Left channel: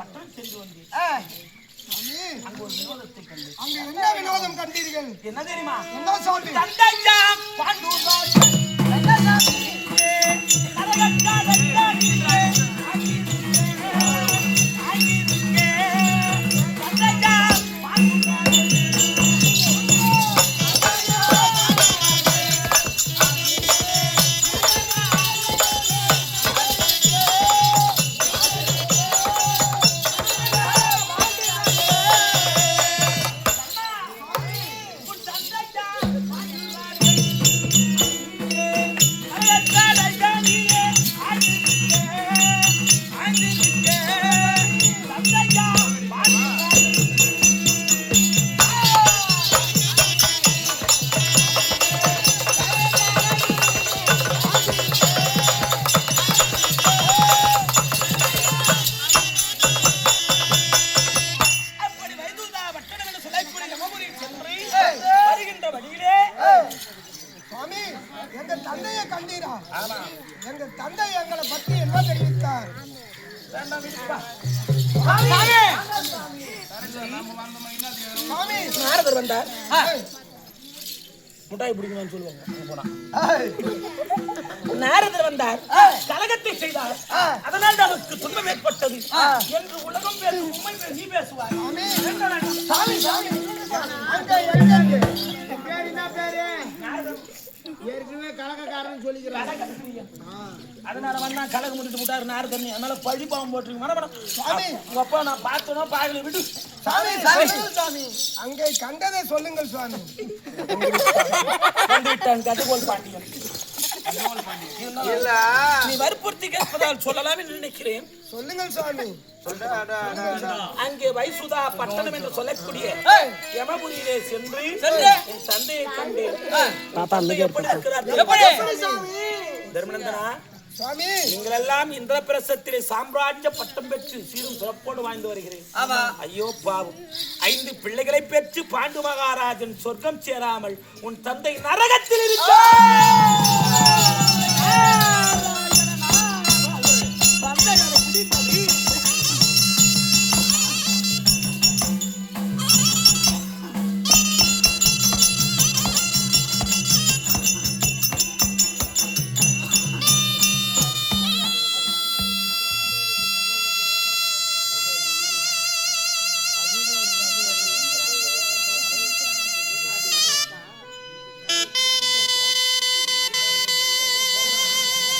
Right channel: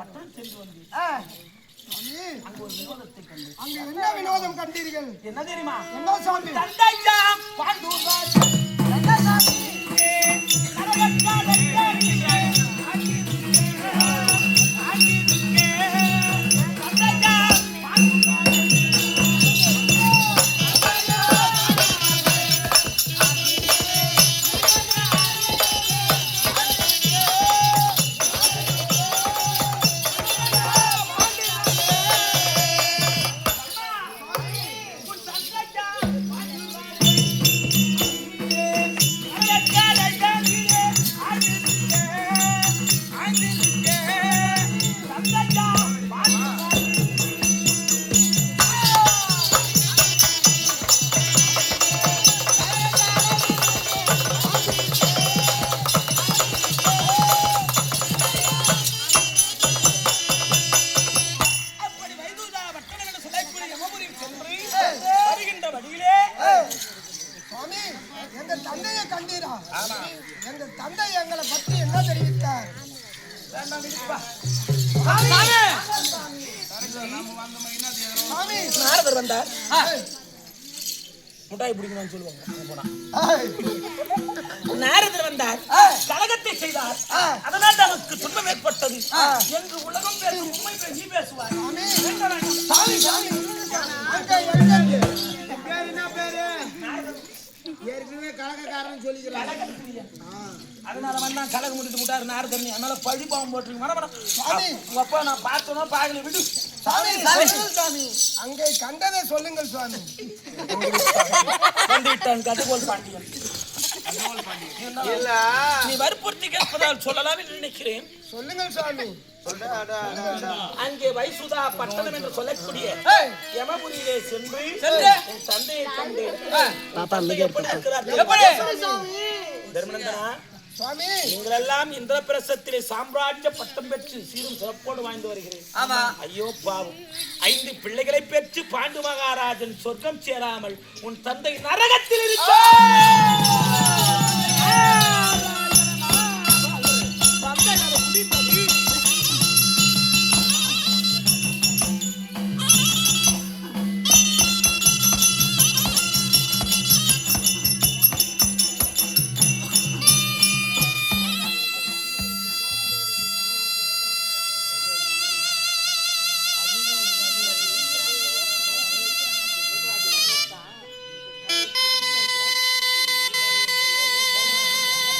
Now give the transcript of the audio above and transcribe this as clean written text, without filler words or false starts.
பட்டணம் சென்று வந்தேன். அங்க ஒரு வினோதத்தை கண்டு. அங்க என்ன வினோதம் கண்டீர்கள்? என்ன தெரியுமா? என்ன சாமி? தந்தையா பாண்டூராஜ் எங்கள் தந்தை எங்களை பற்றி என்ன தெரிவித்தார்? நாரதர் வந்தார். முட்டாய் பிடிக்கணும்னு சொல்லுவாங்க. நாரதர் வந்தார், கலகத்தை செய்தார், அதனால் நமக்கு துன்பம் ஏற்பட்டது என்று உலகம் பேசும் உண்மை நீ பேசுவார். ஏற்கனவே கலகக்காரன் சொல்லிக்கிறான். அதனால வந்தா கலக முடிட்டு முட்டாரு நாரதர். அதனால பழி பாவம் போட்டுருங்க. அப்பா நான் பார்த்தோம் பார்க்கல விடு. சாமி அங்கே கண்டதை சொல்லுங்கள் சுவாமி. வந்துவிட்டான் கதகோல் பாண்டியன். நீ வற்புறுத்தி கேட்பதால் சொல்லலாம் என்று நினைக்கிறேன். சொல்லுங்கள் சுவாமி. அங்கே வைசுதா பட்டணம் என்று சொல்லக்கூடிய யமபுரியிலே சென்று என் தந்தையை கண்டேன். எப்படி இருக்கிறார் தர்மநந்தனா? நீங்கள் எல்லாம் இந்திரபிரசத்திலே சாம்ராஜ்ய பட்டம் பெற்று சீரும் சிறப்போடு வாழ்ந்து வருகிறேன். ஐயோ பாவம், 5 பிள்ளைகளை பெற்று பாண்டு மகாராஜன் சொர்க்கம் சேராமல் உன் தந்தை நரகத்தில் இருக்கிறார்.